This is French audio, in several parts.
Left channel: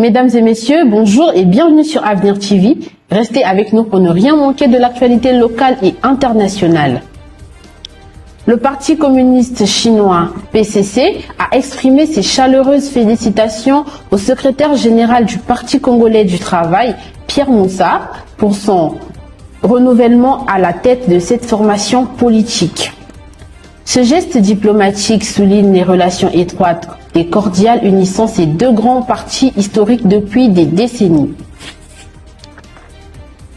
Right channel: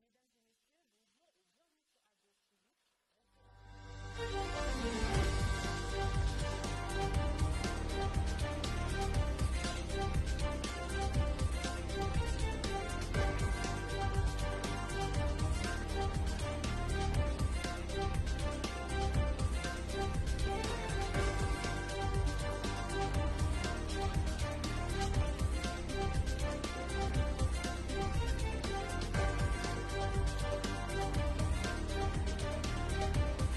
Mesdames et messieurs, bonjour et bienvenue sur Avenir TV. Restez avec nous pour ne rien manquer de l'actualité locale et internationale. Le Parti communiste chinois, PCC, a exprimé ses chaleureuses félicitations au secrétaire général du Parti congolais du travail, Pierre Moussa, pour son renouvellement à la tête de cette formation politique. Ce geste diplomatique souligne les relations étroites et cordiales unissant ces deux grands partis historiques depuis des décennies.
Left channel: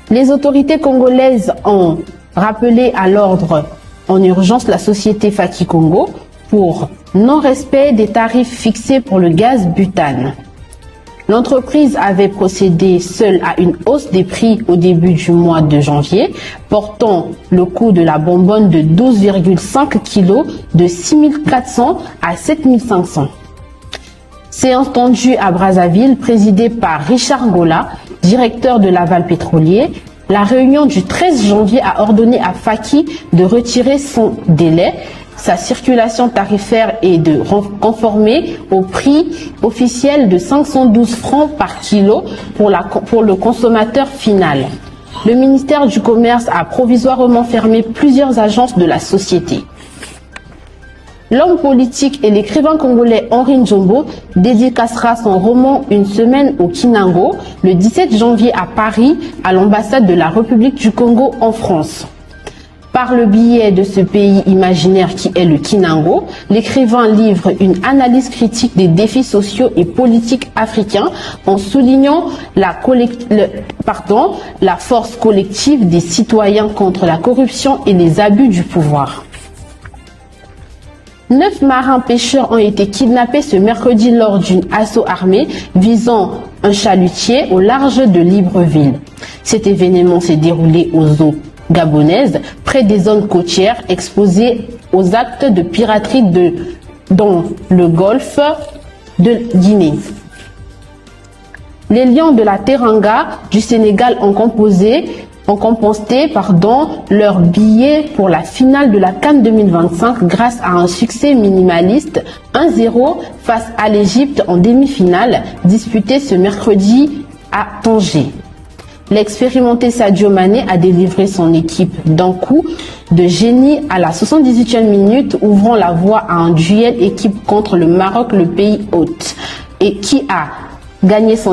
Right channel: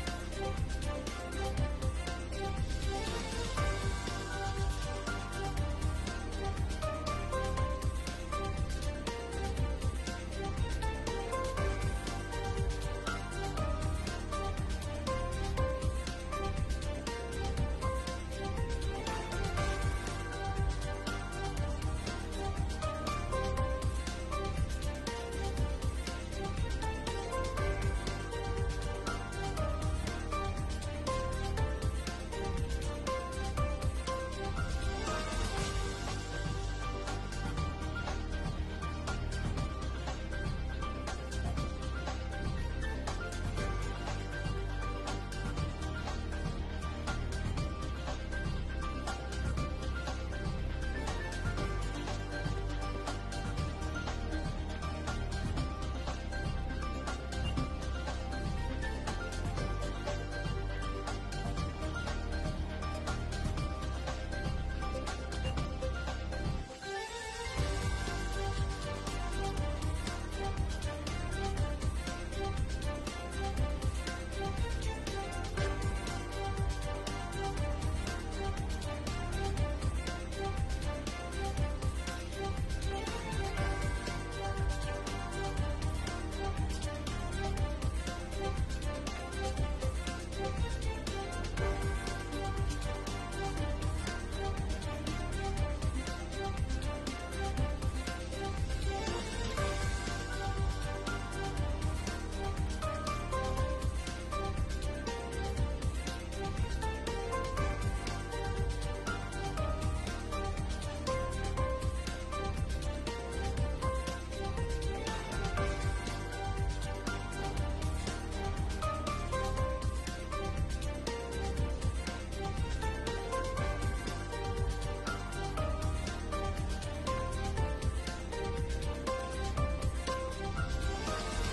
Les autorités congolaises ont rappelé à l'ordre en urgence la société Faki Congo pour non-respect des tarifs fixés pour le gaz butane. L'entreprise avait procédé seule à une hausse des prix au début du mois de janvier, portant le coût de la bonbonne de 12,5 kg de 6 400 à 7 500. Séance tendue à Brazzaville, présidée par Richard Ngola, directeur de l'aval pétrolier. La réunion du 13 janvier a ordonné à Faki de retirer son délai, sa circulation tarifaire et de conformer au prix officiel de 512 francs par kilo pour le consommateur final. Le ministère du Commerce a provisoirement fermé plusieurs agences de la société. L'homme politique et l'écrivain congolais Henri Njombo dédicacera son roman Une semaine au Kinango le 17 janvier à Paris, à l'ambassade de la République du Congo en France. Par le biais de ce pays imaginaire qui est le Kinango, l'écrivain livre une analyse critique des défis sociaux et politiques africains en soulignant la force collective des citoyens contre la corruption et les abus du pouvoir. 9 marins pêcheurs ont été kidnappés ce mercredi lors d'une assaut armée visant un chalutier au large de Libreville. Cet événement s'est déroulé aux eaux gabonaises, près des zones côtières exposées aux actes de piraterie dans le golfe de Guinée. Les Lions de la Teranga du Sénégal ont composté leur billet pour la finale de la CAN 2025 grâce à un succès minimaliste 1-0 face à l'Égypte en demi-finale disputée ce mercredi à Tanger. L'expérimenté Sadio Mané a délivré son équipe d'un coup de génie à la 78e minute, ouvrant la voie à un duel équipe contre le Maroc, le pays hôte, et qui a gagné son